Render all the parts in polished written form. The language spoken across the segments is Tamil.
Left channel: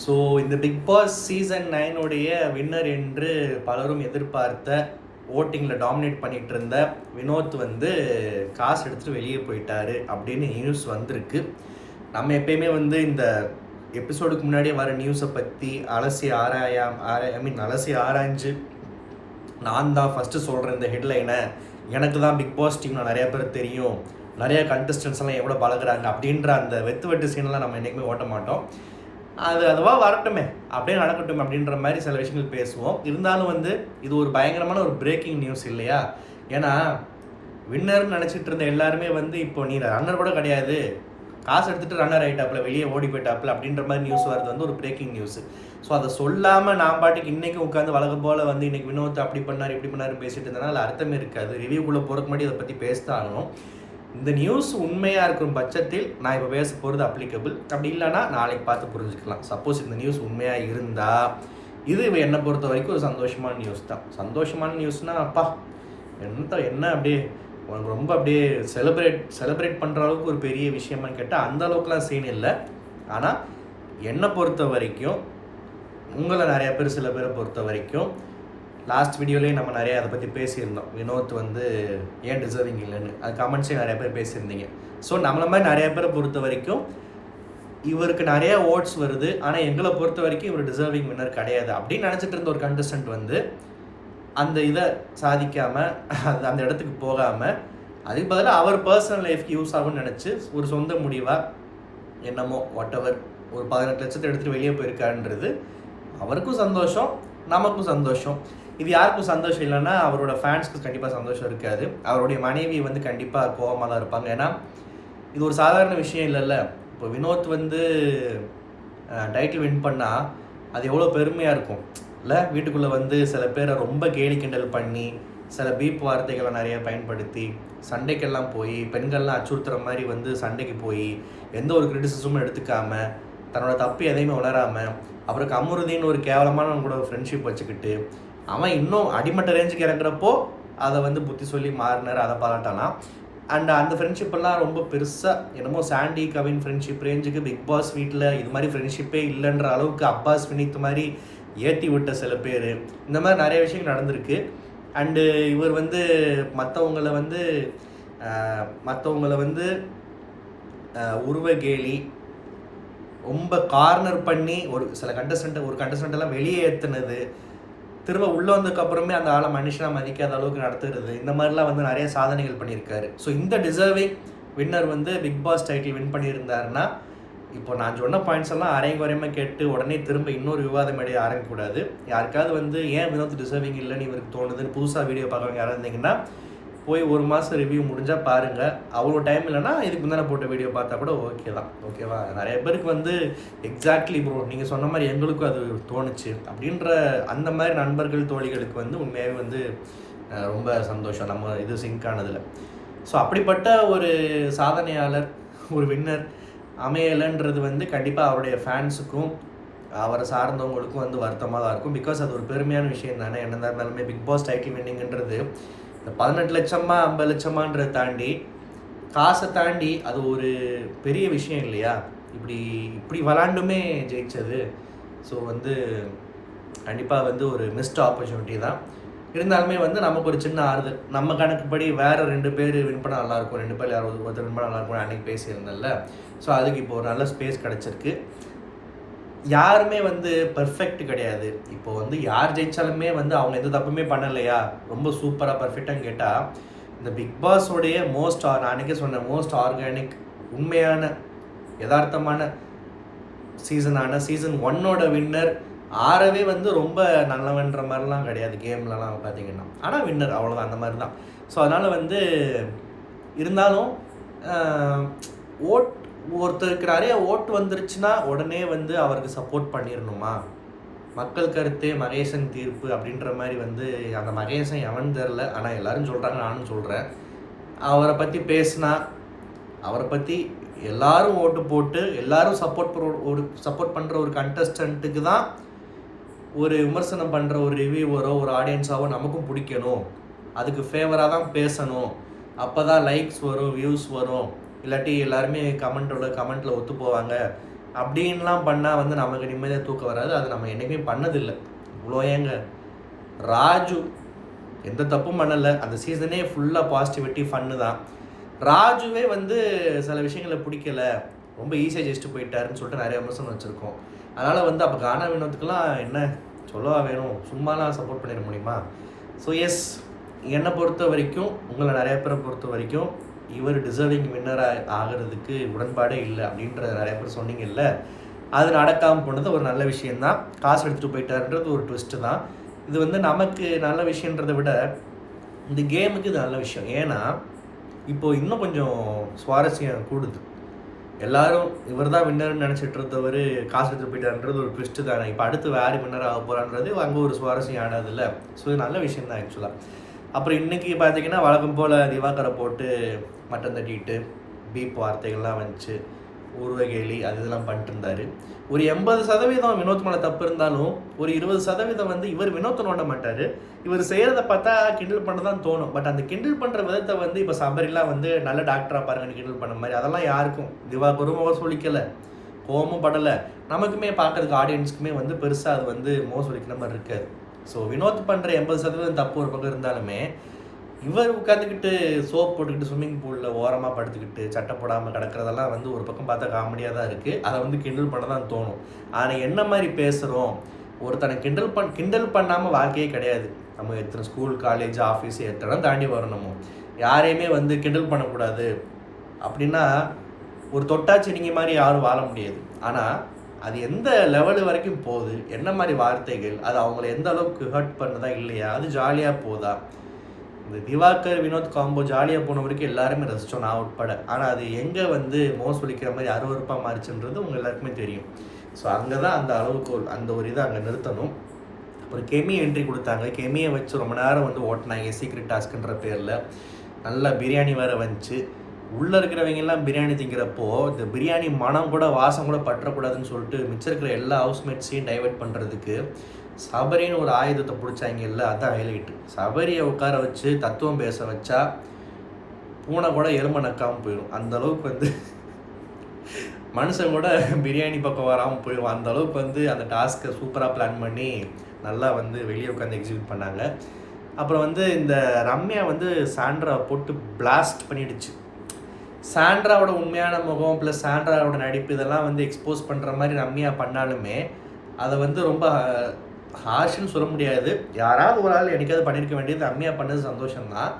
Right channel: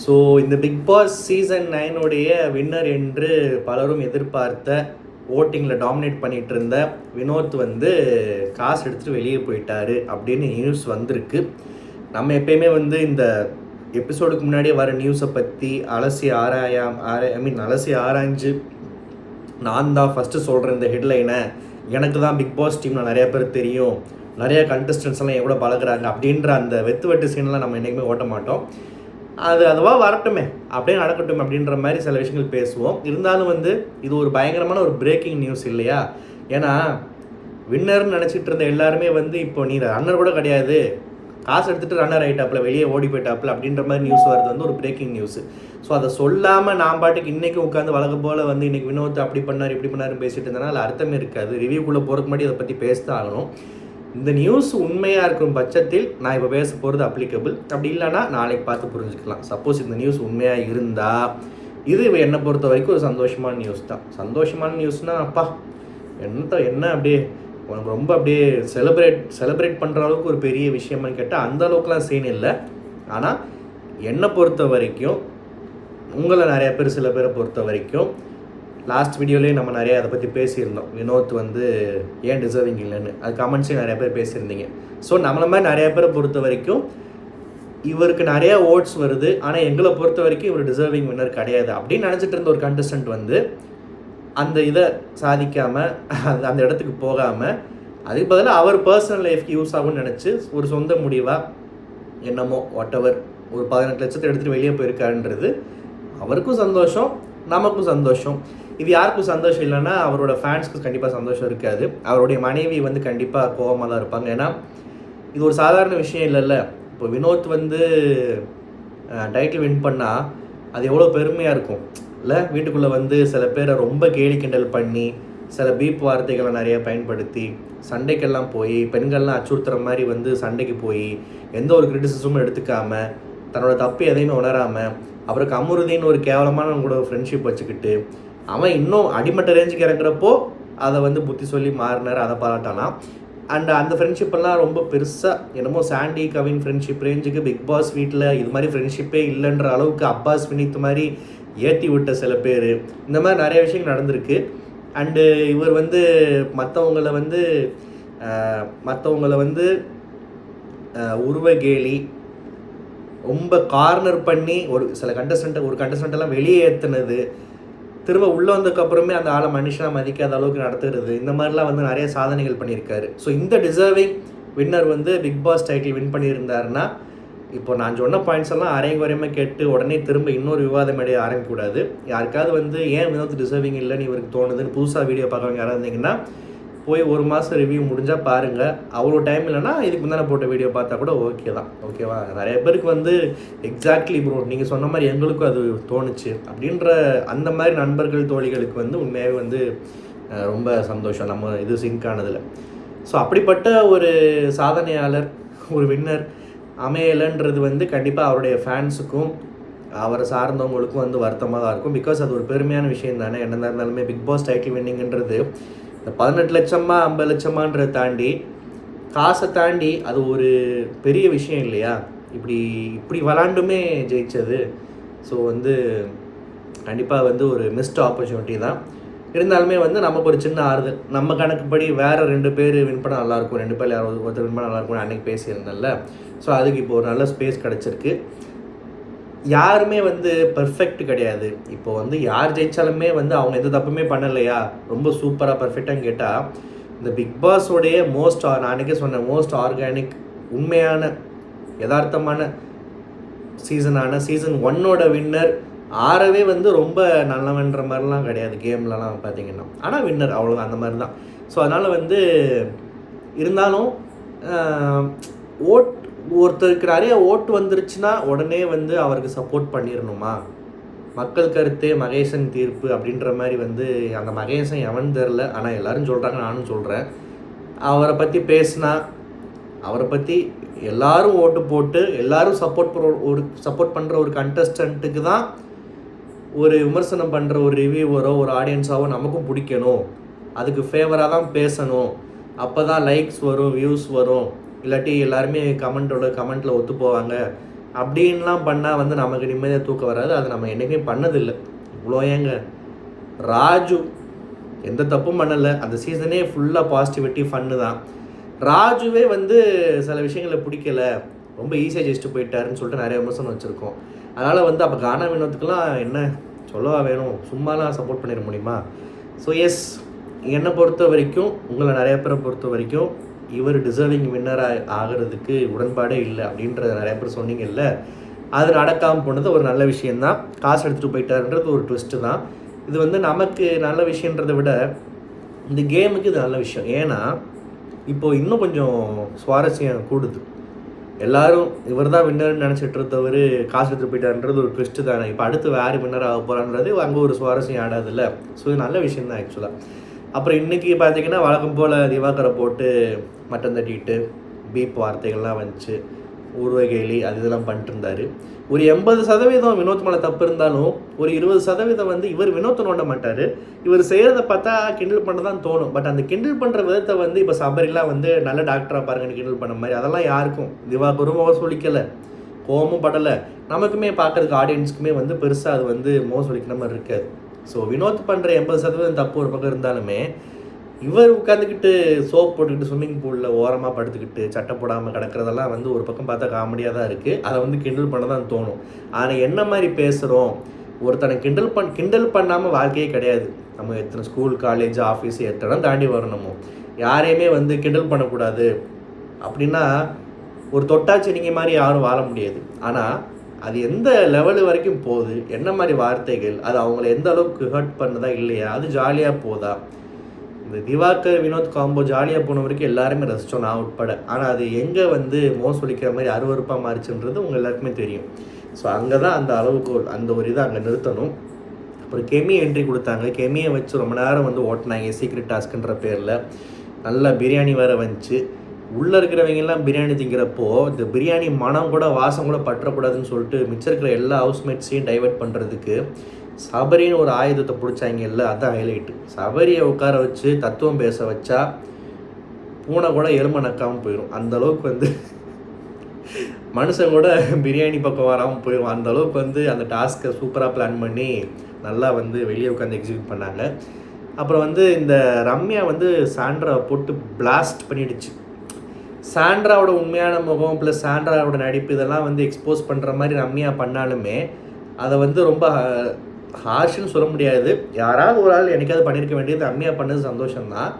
ஸோ இந்த பிக் பாஸ் சீசன் 9 வின்னர் என்று பலரும் எதிர்பார்த்த ஓட்டிங்கில் டாமினேட் பண்ணிகிட்டு இருந்த வினோத் வந்து காசு எடுத்துகிட்டு வெளியே போயிட்டாரு அப்படின்னு நியூஸ் வந்திருக்கு. நம்ம எப்பயுமே வந்து இந்த எபிசோடுக்கு முன்னாடியே வர நியூஸை பற்றி அலசி ஆராய்ஞ்சு நான் தான் ஃபஸ்ட்டு சொல்கிறேன் இந்த ஹெட்லைனை. எனக்கு தான் பிக் பாஸ் டீமில் நிறையா பேர் தெரியும், நிறைய கண்டஸ்டன்ஸ் எல்லாம் எவ்வளோ பழகுறாங்க அப்படின்ற அந்த வெட்டு சீனெல்லாம் நம்ம என்றைக்குமே ஓட்ட மாட்டோம். அதுவாக வரட்டுமே, அப்படியே நடக்கட்டும் அப்படின்ற மாதிரி சில விஷயங்கள் பேசுவோம். இருந்தாலும் வந்து இது ஒரு பயங்கரமான ஒரு பிரேக்கிங் நியூஸ் இல்லையா? ஏன்னா வின்னர்னு நினச்சிட்டு இருந்த எல்லாருமே வந்து இப்போ நீ ரன்னர் கூட கிடையாது, காசு எடுத்துகிட்டு ரன்னர் ஆகிட்டாப்புல, வெளியே ஓடி போயிட்டாப்புல அப்படின்ற மாதிரி நியூஸ் வருது, வந்து ஒரு பிரேக்கிங் நியூஸ். ஸோ அதை சொல்லாமல் நான் பாட்டுக்கு இன்றைக்கி உட்காந்து வழக்கம் போல் வந்து இன்றைக்கி வினோத் அப்படி பண்ணார் இப்படி பண்ணாருன்னு பேசிட்டு இருந்தனால அதில் அர்த்தமே இருக்காது. ரிவ்யூக்குள்ளே போகிறதுக்கு முன்னாடி அதை பற்றி பேசத்தான் ஆகணும். இந்த நியூஸ் உண்மையாக இருக்கும் பட்சத்தில் நான் இப்போ பேச போகிறது அப்ளிகபிள், அப்படி இல்லைனா நாளைக்கு பார்த்து புரிஞ்சுக்கலாம். சப்போஸ் இந்த நியூஸ் உண்மையாக இருந்தால் இது என்னை பொறுத்த வரைக்கும் ஒரு சந்தோஷமான நியூஸ் தான். சந்தோஷமான நியூஸ்னால் அப்பா என்ன அப்படியே உனக்கு ரொம்ப அப்படியே செலிப்ரேட் பண்ணுற அளவுக்கு ஒரு பெரிய விஷயமானு கேட்டால் அந்த அளவுக்குலாம் சீன் இல்லை. ஆனால் என்னை பொறுத்த வரைக்கும், உங்களை நிறையா பேர் சில பேரை பொறுத்த வரைக்கும் லாஸ்ட் வீடியோலேயே நம்ம நிறையா அதை பற்றி பேசியிருந்தோம். வினோத் வந்து ஏன் டிசர்விங் இல்லைன்னு அது கமெண்ட்ஸே நிறையா பேர் பேசியிருந்தீங்க. ஸோ நம்மளை மாதிரி நிறையா பேரை பொறுத்த வரைக்கும் இவருக்கு நிறையா ஓட்ஸ் வருது, ஆனால் எங்களை பொறுத்த வரைக்கும் இவர் டிசர்விங் வின்னர் கிடையாது அப்படின்னு நினச்சிட்டு இருந்த ஒரு கண்டஸ்டன்ட் வந்து அந்த இதை சாதிக்காமல் அந்த இடத்துக்கு போகாமல் அதுக்கு பதிலாக அவர் பர்சனல் லைஃப்க்கு யூஸ் ஆகும்னு நினச்சி ஒரு சொந்த முடிவாக என்னமோ வாட்டவர் ஒரு 18 லட்சத்தை எடுத்துகிட்டு வெளியே போயிருக்காருன்றது அவருக்கும் சந்தோஷம், நமக்கும் சந்தோஷம். இது யாருக்கும் சந்தோஷம் இல்லைன்னா அவரோட ஃபேன்ஸ்க்கு கண்டிப்பாக சந்தோஷம் இருக்காது. அவருடைய மனைவி வந்து கண்டிப்பாக கோவமாக தான் இருப்பாங்க. ஏன்னா இது ஒரு சாதாரண விஷயம் இல்லைல்ல. இப்போ வினோத் வந்து டைட்டில் வின் பண்ணால் அது எவ்வளோ பெருமையாக இருக்கும் இல்லை? வீட்டுக்குள்ளே வந்து சில பேரை ரொம்ப கேலி கிண்டல் பண்ணி சில பீப் வார்த்தைகளை நிறைய பயன்படுத்தி சண்டைக்கெல்லாம் போய் பெண்கள்லாம் அச்சுறுத்துற மாதிரி வந்து சண்டைக்கு போய் எந்த ஒரு கிரிட்டிசிசமும் எடுத்துக்காமல் தன்னோட தப்பு எதையுமே உணராமல் அவருக்கு அமுருதின்னு ஒரு கேவலமான கூட ஃப்ரெண்ட்ஷிப் வச்சுக்கிட்டு அவன் இன்னும் அடிமட்ட ரேஞ்சுக்கு இறங்குறப்போ அதை வந்து புத்தி சொல்லி மாறினார், அதை பாராட்டலாம். அண்ட் அந்த ஃப்ரெண்ட்ஷிப்பெல்லாம் ரொம்ப பெருசாக என்னமோ சாண்டி கவின் ஃப்ரெண்ட்ஷிப் ரேஞ்சுக்கு பிக் பாஸ் வீட்டில் இது மாதிரி ஃப்ரெண்ட்ஷிப்பே இல்லைன்ற அளவுக்கு அப்பாஸ் வினித் மாதிரி ஏற்றி விட்ட சில பேர், இந்த மாதிரி நிறைய விஷயங்கள் நடந்திருக்கு. அண்டு இவர் வந்து மற்றவங்களை வந்து உருவகேலி ரொம்ப கார்னர் பண்ணி ஒரு கண்டஸ்டண்ட்டெல்லாம் வெளியே ஏற்றுனது, திரும்ப உள்ளே வந்ததுக்கப்புறமே அந்த ஆளை மனுஷனாக மதிக்காத அளவுக்கு நடத்துறது, இந்த மாதிரிலாம் வந்து நிறைய சாதனைகள் பண்ணியிருக்காரு. ஸோ இந்த டிசர்விங் வின்னர் வந்து பிக் பாஸ் டைட்டில் வின் பண்ணியிருந்தாருன்னா இப்போ நான் சொன்ன பாயிண்ட்ஸ் எல்லாம் அரைங்குறையமாக கேட்டு உடனே திரும்ப இன்னொரு விவாதம் இடையே ஆரம்பிக்கக்கூடாது. யாருக்காவது வந்து ஏன் வினோத் டிசர்விங் இல்லைன்னு இவருக்கு தோணுதுன்னு புதுசாக வீடியோ பார்க்குறவங்க யாராவது இருந்தீங்கன்னா போய் 1 மாதம் ரிவ்யூ முடிஞ்சால் பாருங்கள். அவ்வளோ டைம் இல்லைன்னா இதுக்கு முன்னாடி போட்ட வீடியோ பார்த்தா கூட ஓகே தான். ஓகேவா? நிறைய பேருக்கு வந்து எக்ஸாக்ட்லி ப்ரோ நீங்கள் சொன்ன மாதிரி எங்களுக்கும் அது தோணுச்சு அப்படின்ற அந்த மாதிரி நண்பர்கள் தோழிகளுக்கு வந்து உண்மையாகவே வந்து ரொம்ப சந்தோஷம் நம்ம இது சிங்க் ஆனதில். ஸோ அப்படிப்பட்ட ஒரு சாதனையாளர் ஒரு வின்னர் அமையலைன்றது வந்து கண்டிப்பாக அவருடைய ஃபேன்ஸுக்கும் அவரை சார்ந்தவங்களுக்கும் வந்து வருத்தமாக தான் இருக்கும். பிகாஸ் அது ஒரு பெருமையான விஷயம் தானே. என்ன இருந்தாலுமே பிக் பாஸ் டைட்டில் வின்னிங்கன்றது இந்த 18 லட்சமா 50 லட்சமான்றதை தாண்டி காசை தாண்டி அது ஒரு பெரிய விஷயம் இல்லையா? இப்படி விளாண்டுமே ஜெயிச்சது. ஸோ வந்து கண்டிப்பாக வந்து ஒரு மிஸ்ட் ஆப்பர்ச்சுனிட்டி தான். இருந்தாலுமே வந்து நமக்கு ஒரு சின்ன ஆறுதல். நம்ம கணக்குப்படி வேறு 2 பேர் வின் பண்ணால் நல்லாயிருக்கும், 2 பேர் யாராவது ஒருத்தர் வின் பண்ணால் நல்லாயிருக்கும் அன்றைக்கி பேசியிருந்தேன்ல. ஸோ அதுக்கு இப்போ ஒரு நல்ல ஸ்பேஸ் கிடச்சிருக்கு. யாருமே வந்து பர்ஃபெக்ட் கிடையாது. இப்போ வந்து யார் ஜெயித்தாலுமே வந்து அவங்க எந்த தப்புமே பண்ணலையா, ரொம்ப சூப்பராக பர்ஃபெக்டான்னு கேட்டால் இந்த பிக் பாஸோடைய நான் அன்றைக்கே சொன்னேன், மோஸ்ட் ஆர்கானிக் உண்மையான யதார்த்தமான சீசன் 1 வின்னர் ஆறவே வந்து ரொம்ப நல்லவன்ற மாதிரிலாம் கிடையாது கேம்லலாம் பார்த்தீங்கன்னா. ஆனால் வின்னர் அவ்வளோதான், அந்த மாதிரி தான். ஸோ அதனால் வந்து இருந்தாலும் ஒருத்தருக்கு நிறைய ஓட்டு வந்துருச்சுன்னா உடனே வந்து அவருக்கு சப்போர்ட் பண்ணிடணுமா? மக்கள் கருத்தே மகேசன் தீர்ப்பு அப்படின்ற மாதிரி வந்து அந்த மகேசன் எவன் தெரில, ஆனால் எல்லோரும் சொல்கிறாங்க, நானும் சொல்கிறேன். அவரை பற்றி பேசினா அவரை பற்றி எல்லோரும் ஓட்டு போட்டு எல்லோரும் சப்போர்ட் பண்ணுற ஒரு கண்டஸ்டண்ட்டுக்கு தான் ஒரு விமர்சனம் பண்ணுற ஒரு ரிவ்யூவரோ ஒரு ஆடியன்ஸாவோ நமக்கும் பிடிக்கணும். அதுக்கு ஃபேவராக தான் பேசணும். அப்போ தான் லைக்ஸ் வரும், வியூஸ் வரும். இல்லாட்டி எல்லாருமே கமெண்ட்டில் ஒத்து போவாங்க. அப்படின்லாம் பண்ணால் வந்து நமக்கு நிம்மதியாக தூக்கம் வராது. அது நம்ம என்றைக்குமே பண்ணதில்லை. இவ்வளோ ஏங்க ராஜு எந்த தப்பும் பண்ணலை. அந்த சீசனே ஃபுல்லாக பாசிட்டிவிட்டி ஃபன்னு தான். ராஜுவே வந்து சில விஷயங்களை பிடிக்கலை, ரொம்ப ஈஸியாக ஜெயிச்சுட்டு போயிட்டாருன்னு சொல்லிட்டு நிறைய விமர்சனம் வச்சுருக்கோம். அதனால் வந்து அப்போ கானா வினோத்துக்கெலாம் என்ன சொல்லவா வேணும், சும்மாலாம் சப்போர்ட் பண்ணிட முடியுமா? ஸோ எஸ், என்னை பொறுத்த வரைக்கும், உங்களை நிறைய பேரை பொறுத்த வரைக்கும் இவர் டிசர்விங் வின்னராக ஆகிறதுக்கு உடன்பாடே இல்லை அப்படின்ற நிறைய பேர் சொன்னீங்கல்ல, அது நடக்காமல் போனது ஒரு நல்ல விஷயந்தான். காசு எடுத்துகிட்டு போயிட்டாருன்றது ஒரு ட்விஸ்ட்டு தான். இது வந்து நமக்கு நல்ல விஷயன்றதை விட இந்த கேமுக்கு இது நல்ல விஷயம். ஏன்னா இப்போது இன்னும் கொஞ்சம் சுவாரஸ்யம் கூடுது. எல்லோரும் இவர் தான் வின்னர்னு நினச்சிட்டு இருந்தவர் காசு எடுத்துகிட்டு போயிட்டாருன்றது ஒரு ட்விஸ்ட்டு தானே. இப்போ அடுத்து வேறு வின்னர் ஆக போகிறான்றது அங்கே ஒரு சுவாரஸ்யம் ஆடாதில்ல. ஸோ இது நல்ல விஷயம் தான் ஆக்சுவலாக. அப்புறம் இன்றைக்கி பார்த்தீங்கன்னா வழக்கம் போல் திவாகரை போட்டு மட்டம் தட்டிட்டு பீப் வார்த்தைகள்லாம் வந்துச்சு, ஊர்வகேலி அது இதெல்லாம் பண்ணிட்டு இருந்தார். ஒரு 80% வினோத் மேலே தப்பு இருந்தாலும் ஒரு 20% வந்து இவர் வினோத்தை நோண்ட மாட்டார். இவர் செய்கிறத பார்த்தா கிண்டல் பண்ண தான் தோணும். பட் அந்த கிண்டல் பண்ணுற விதத்தை வந்து இப்போ சபரிலாம் வந்து நல்ல டாக்டராக பாருங்கன்னு கிண்டல் பண்ண மாதிரி அதெல்லாம் யாருக்கும் திவாகரும் முகம் சொல்லிக்கலை, கோவமும் படலை. நமக்குமே பார்க்குறதுக்கு ஆடியன்ஸுக்குமே வந்து பெருசாக அது வந்து முகம் சொல்லிக்கிற மாதிரி இருக்காது. ஸோ வினோத் பண்ணுற 80% தப்பு ஒரு பக்கம் இருந்தாலுமே இவர் உட்காந்துக்கிட்டு சோப் போட்டுக்கிட்டு ஸ்விம்மிங் பூலில் ஓரமாக படுத்துக்கிட்டு சட்டை போடாமல் கிடக்கிறதெல்லாம் வந்து ஒரு பக்கம் பார்த்தா காமெடியாக தான் இருக்குது. அதை வந்து கிண்டல் பண்ண தான் தோணும். ஆனால் என்ன மாதிரி பேசுகிறோம், ஒருத்தனை கிண்டல் பண்ணாமல் வாழ்க்கையே கிடையாது. நம்ம எத்தனை ஸ்கூல் காலேஜ் ஆஃபீஸ் எத்தனை தாண்டி வரும். நம்ம யாரையுமே வந்து கிண்டல் பண்ணக்கூடாது அப்படின்னா ஒரு தொட்டாச்சி நீங்கள் மாதிரி யாரும் வாழ முடியாது. ஆனால் அது எந்த லெவலு வரைக்கும் போகுது, என்ன மாதிரி வார்த்தைகள், அது அவங்கள எந்த அளவுக்கு ஹர்ட் பண்ணதா இல்லையா, அது ஜாலியாக போதா. இந்த திவாகர் வினோத் காம்போ ஜாலியாக போன வரைக்கும் எல்லாருமே ரசித்தோம், நான் உட்பட. ஆனால் அது எங்கே வந்து சொல்லிக்கிற மாதிரி அருவறுப்பாக மாறிச்சுன்றது உங்கள் எல்லாருக்குமே தெரியும். ஸோ அங்கே தான் அந்த அளவுக்கு அந்த ஒரு இதை அங்கே நிறுத்தணும். அப்புறம் கெமி என்ட்ரி கொடுத்தாங்க. கெமியை வச்சு ரொம்ப நேரம் வந்து ஓட்டினாங்க சீக்ரெட் டாஸ்க்குன்ற பேரில். நல்லா பிரியாணி வேறு வந்துச்சு. உள்ளே இருக்கிறவங்கெல்லாம் பிரியாணி திங்கிறப்போ இந்த பிரியாணி மனம் கூட வாசம் கூட பற்றக்கூடாதுன்னு சொல்லிட்டு மிச்சம் இருக்கிற எல்லா ஹவுஸ்மேட்ஸையும் டைவெர்ட் பண்ணுறதுக்கு சபரின்னு ஒரு ஆயுதத்தை பிடிச்சாங்கல்ல, அதுதான் ஹைலைட்டு. சபரியை உட்கார வச்சு தத்துவம் பேச வச்சா பூனை கூட எலும்பை நக்காமல் போயிடும். அந்தளவுக்கு வந்து மனுஷன் கூட பிரியாணி பக்கம் வராமல் போயிடும். அந்தளவுக்கு வந்து அந்த டாஸ்க்கை சூப்பராக பிளான் பண்ணி நல்லா வந்து வெளியே உட்காந்து எக்ஸிக்யூட் பண்ணாங்க. அப்புறம் வந்து இந்த ரம்யா வந்து சாண்ட்ரா போட்டு பிளாஸ்ட் பண்ணிடுச்சு. சாண்ட்ராவோட உண்மையான முகம் ப்ளஸ் சாண்ட்ராவோட நடிப்பு இதெல்லாம் வந்து எக்ஸ்போஸ் பண்ணுற மாதிரி ரம்யா பண்ணாலுமே அதை வந்து ரொம்ப ஹார்ஷ்னு சொல்ல முடியாது. யாராவது ஒரு ஆள் என்னைக்காவது பண்ணியிருக்க வேண்டியது. ரம்யா பண்ணது சந்தோஷம்தான்.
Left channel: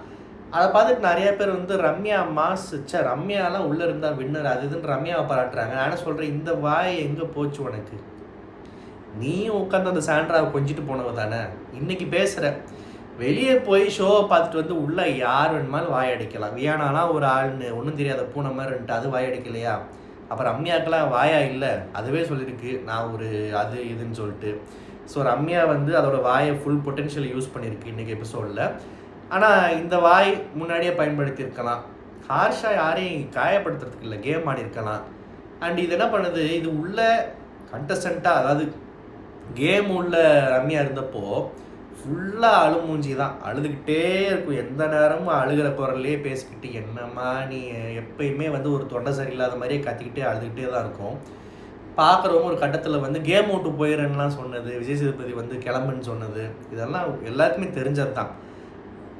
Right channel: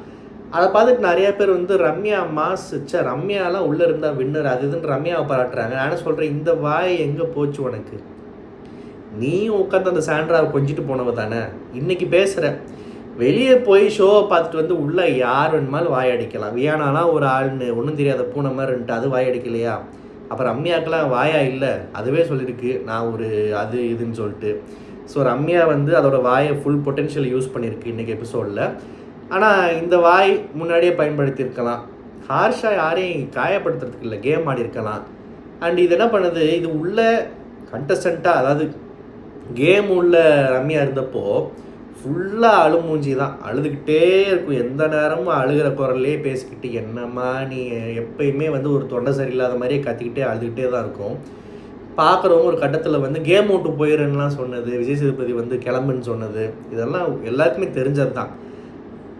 அதை பார்த்துட்டு நிறைய பேர் வந்து ரம்யா மாஸ் ரம்யாலாம் உள்ளே இருந்தால் வின்னர் அது இதுன்னு ரம்யாவை பாராட்டுறாங்க. ஆனால் சொல்கிறேன், இந்த வாய் எங்கே போச்சு உனக்கு? நீ உட்காந்து அந்த சாண்ட்ராவை கொஞ்சிட்டு போனவ தானே. இன்றைக்கி பேசுகிற வெளியே போய் ஷோவை பார்த்துட்டு வந்து உள்ளே யார் வேணுமாலும் வாய் அடிக்கலாம். வியானாலாம் ஒரு ஆள்னு ஒன்றும் தெரியாத பூனை மாதிரி இருந்துட்டு அது வாய் அடிக்கலையா? அப்போ ரம்யாக்கெலாம் வாயா இல்லை, அதுவே சொல்லியிருக்கு நான் ஒரு அது இதுன்னு சொல்லிட்டு. ஸோ ரம்யா வந்து அதோட வாயை ஃபுல் பொட்டென்ஷியல் யூஸ் பண்ணியிருக்கு இன்றைக்கி எபிசோடில். ஆனால் இந்த வாய் முன்னாடியே பயன்படுத்தியிருக்கலாம். ஹார்ஷாக யாரையும் காயப்படுத்துறதுக்கு இல்லை, கேம் ஆடி இருக்கலாம். அண்ட் இது என்ன பண்ணுது, இது உள்ள கண்டஸ்டண்ட்டாக அதாவது கேம் உள்ள ரம்யா இருந்தப்போ ஃபுல்லாக அழுமூஞ்சி தான், அழுதுகிட்டே இருக்கும். எந்த நேரமும் அழுகிற குரல்லே பேசிக்கிட்டு என்னம்மா நீ எப்பயுமே வந்து ஒரு தொண்டை சரியில்லாத மாதிரியே கத்திக்கிட்டே அழுதுகிட்டே தான் இருக்கும். பார்க்குறவங்க ஒரு கட்டத்தில் வந்து கேம் விட்டு போயிடுறேன்னுலாம் சொன்னது, விஜய் சேதுபதி வந்து கிளம்புன்னு சொன்னது, இதெல்லாம் எல்லாருக்குமே தெரிஞ்சது தான்.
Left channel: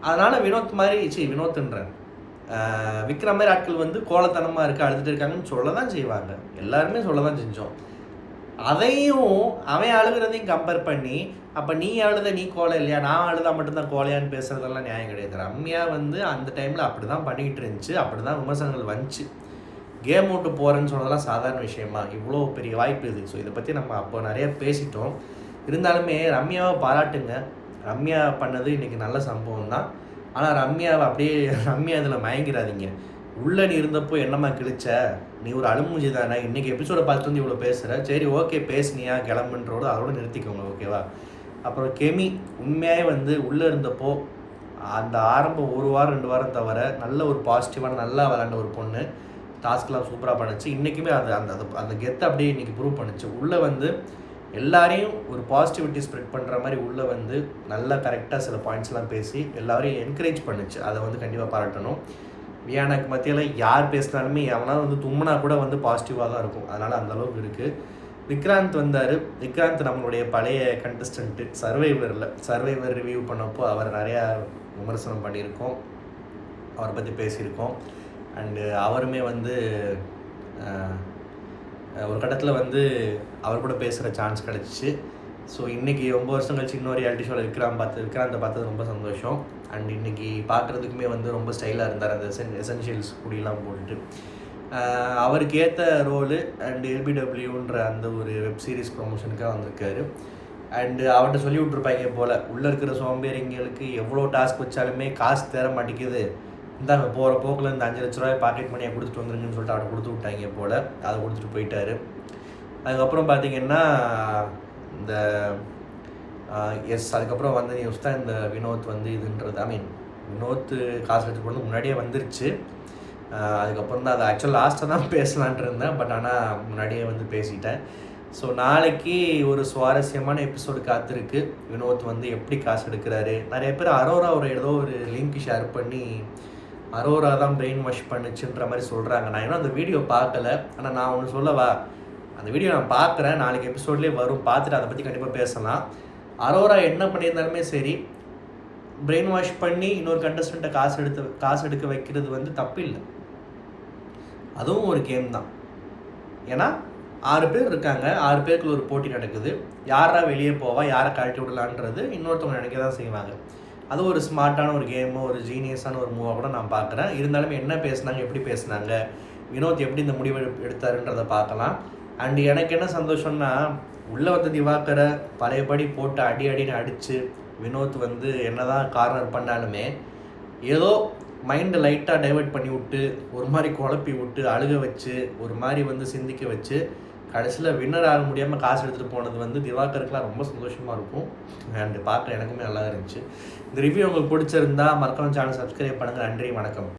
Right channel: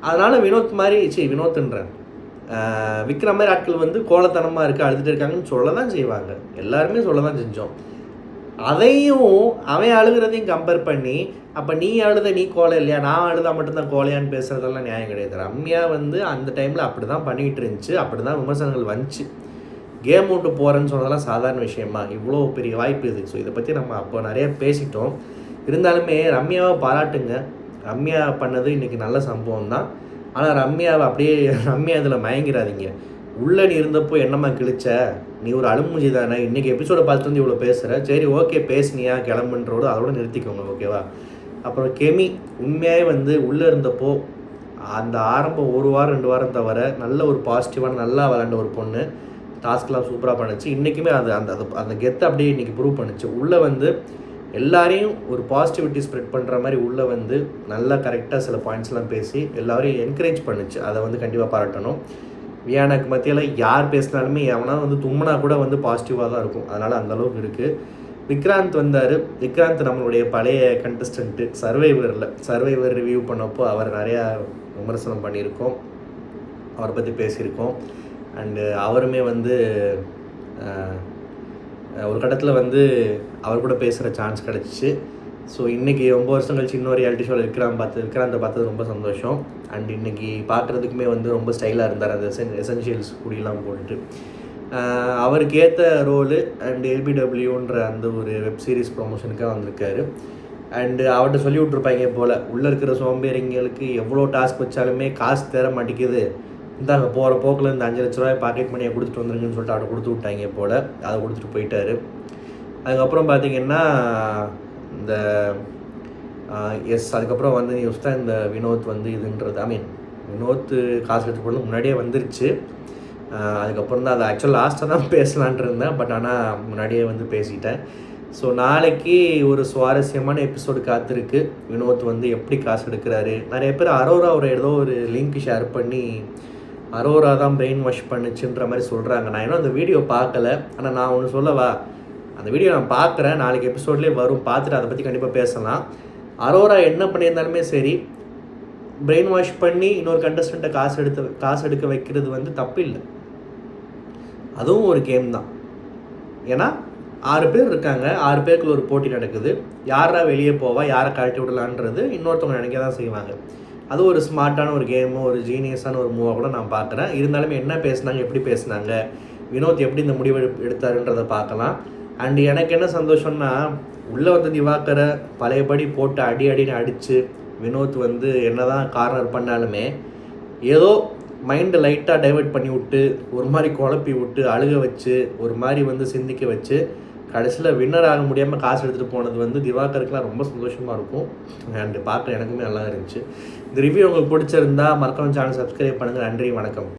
அதனால் வினோத் மாதிரி வினோத்துன்றேன் விக்ரம் மாதிரி ஆட்கள் வந்து கோலத்தனமாக இருக்குது அழுதுகிட்டு இருக்காங்கன்னு சொல்ல தான் செய்வாங்க. எல்லாருமே சொல்ல தான் செஞ்சோம். அதையும் அவன் அழுகிறதையும் கம்பேர் பண்ணி அப்போ நீ அழுத நீ கோலை இல்லையா, நான் அழுதா மட்டும்தான் கோலையான்னு பேசுகிறதெல்லாம் நியாயம் கிடையாது. ரம்யா வந்து அந்த டைமில் அப்படி தான் பண்ணிக்கிட்டு இருந்துச்சு, அப்படி தான் விமர்சனங்கள் வந்துச்சு. கேம் விட்டு போகிறேன்னு சொன்னதெல்லாம் சாதாரண விஷயமா, இவ்வளோ பெரிய வாய்ப்பு இது. ஸோ இதை பற்றி நம்ம அப்போ நிறைய பேசிட்டோம். இருந்தாலுமே ரம்யாவை பாராட்டுங்க. ரம்யா பண்ணது இன்றைக்கி நல்ல சம்பவம் தான். ஆனால் ரம்யா இதில் மயங்கிறாதீங்க. உள்ளே நீ இருந்தப்போ என்னம்மா கிழிச்ச, நீ ஒரு அழுமூஞ்சி தானே. இன்றைக்கி எபிசோடை பார்த்துட்டு வந்து இவ்வளோ பேசுகிற, சரி ஓகே பேசுனியா கிளம்புன்றோடு அதோடு நிறுத்திக்கோங்க, ஓகேவா? அப்புறம் கெமி உண்மையாகவே வந்து உள்ளே இருந்தப்போ அந்த ஆரம்பம் 1 வாரம் 2 வாரம் தவிர நல்ல ஒரு பாசிட்டிவான நல்லா விளாண்ட ஒரு பொண்ணு. டாஸ்க்லாம் சூப்பராக பண்ணுச்சு. இன்றைக்குமே அந்த கெத்தை அப்படியே இன்றைக்கி ப்ரூவ் பண்ணுச்சு. உள்ளே வந்து எல்லாரையும் ஒரு பாசிட்டிவிட்டி ஸ்ப்ரெட் பண்ணுற மாதிரி உள்ளே வந்து நல்லா கரெக்டாக சில பாயிண்ட்ஸ்லாம் பேசி எல்லாரையும் என்கரேஜ் பண்ணுச்சு. அதை வந்து கண்டிப்பாக பாராட்டணும். வியானாக்கு மத்தியில் யார் பேசினாலுமே எவனா வந்து தும்முனா கூட வந்து பாசிட்டிவாக தான் இருக்கும். அதனால் அந்தளவுக்கு இருக்குது. விக்ராந்த் வந்தார். விக்ராந்த் நம்மளுடைய பழைய கண்டஸ்டண்ட்டு சர்வைவர் ரிவ்யூ பண்ணப்போ அவர் நிறையா விமர்சனம் பண்ணியிருக்கோம், அவரை பற்றி பேசியிருக்கோம். அண்டு அவருமே வந்து ஒரு கட்டத்தில் வந்து அவர் கூட பேசுகிற சான்ஸ் கிடச்சிச்சு. ஸோ இன்றைக்கி 9 வருஷம் கழிச்சு இன்னொரு ரியாலிட்டி ஷோவில் விக்ராந்தை பார்த்தது ரொம்ப சந்தோஷம். அண்ட் இன்றைக்கி பார்க்குறதுக்குமே வந்து ரொம்ப ஸ்டைலாக இருந்தார், அந்த எசென்ஷியல்ஸ் கூடியெல்லாம் போட்டுட்டு. அவருக்கு ஏற்ற ரோலு அண்ட் எல்பிடபிள்யூன்ற அந்த ஒரு வெப் சீரிஸ் ப்ரொமோஷனுக்காக வந்திருக்காரு. அண்டு அவர்கிட்ட சொல்லி விட்ருப்பாங்க போல், உள்ளே இருக்கிற சோம்பேறிங்களுக்கு எவ்வளோ டாஸ்க் வச்சாலுமே காசு தேர மாட்டேங்குது, இந்தாங்க போகிற போக்கில் இந்த 5 லட்ச ரூபாய் பாக்கெட் மணியை கொடுத்துட்டு வந்துருங்கன்னு சொல்லிட்டு அவர்கிட்ட கொடுத்து விட்டாங்க போல். அதை கொடுத்துட்டு போயிட்டார். அதுக்கப்புறம் பார்த்திங்கன்னா இந்த அதுக்கப்புறம் வந்து நியூஸ் தான் இந்த வினோத் வந்து இதுன்றது. வினோத் காசு எடுத்து போகிறது முன்னாடியே வந்துருச்சு. அதுக்கப்புறம் தான் அது ஆக்சுவலாக லாஸ்ட்டாக தான் பேசலான்ட்டு இருந்தேன், பட் ஆனால் முன்னாடியே வந்து பேசிட்டேன். ஸோ நாளைக்கு ஒரு சுவாரஸ்யமான எபிசோடு காத்திருக்கு. வினோத் வந்து எப்படி காசு எடுக்கிறாரு. நிறைய பேர் அரோராவோட ஏதோ ஒரு லிங்க் ஷேர் பண்ணி அரோரா தான் பிரெயின் வாஷ் பண்ணுச்சுன்ற மாதிரி சொல்கிறாங்க. நான் இன்னும் அந்த வீடியோ பார்க்கல. ஆனால் நான் ஒன்று சொல்லவா, அந்த வீடியோ நான் பார்க்குறேன், நாளைக்கு எபிசோட்லேயே வரும், பார்த்துட்டு அதை பற்றி கண்டிப்பாக பேசலாம். அரோரா என்ன பண்ணியிருந்தாலுமே சரி, பிரெயின் வாஷ் பண்ணி இன்னொரு கண்டஸ்டண்ட்டை காசு எடுக்க வைக்கிறது வந்து தப்பு இல்லை, அதுவும் ஒரு கேம் தான். ஏன்னா 6 பேர் இருக்காங்க, 6 பேருக்குள்ள ஒரு போட்டி நடக்குது. யாரா வெளியே போவா, யாரை கழட்டி விடலான்றது இன்னொருத்தவங்க நினைக்க தான் செய்வாங்க. அது ஒரு ஸ்மார்ட்டான ஒரு கேமு, ஒரு ஜீனியஸான ஒரு மூவாக கூட நான் பார்க்குறேன். இருந்தாலுமே என்ன பேசுனாங்க, எப்படி பேசுனாங்க, வினோத் எப்படி இந்த முடிவு எடுத்தாருன்றதை பார்க்கலாம். அண்டு எனக்கு என்ன சந்தோஷம்னா, உள்ளே வந்து திவாகரை பழையபடி போட்டு அடின்னு அடித்து வினோத் வந்து என்ன தான் கார்னர் பண்ணாலுமே ஏதோ மைண்டை லைட்டாக டைவெர்ட் பண்ணி விட்டு, ஒரு மாதிரி குழப்பி விட்டு, அழுக வச்சு, ஒரு மாதிரி வந்து சிந்திக்க வச்சு, கடைசியில் வின்னர் ஆக முடியாமல் காசு எடுத்துகிட்டு போனது வந்து திவாகருக்குலாம் ரொம்ப சந்தோஷமாக இருக்கும். அண்டு பார்க்க எனக்குமே நல்லா இருந்துச்சு. இந்த ரிவ்யூ உங்களுக்கு பிடிச்சிருந்தா மறக்காம சேனல் சப்ஸ்கிரைப் பண்ணுங்கள். நன்றி, வணக்கம்.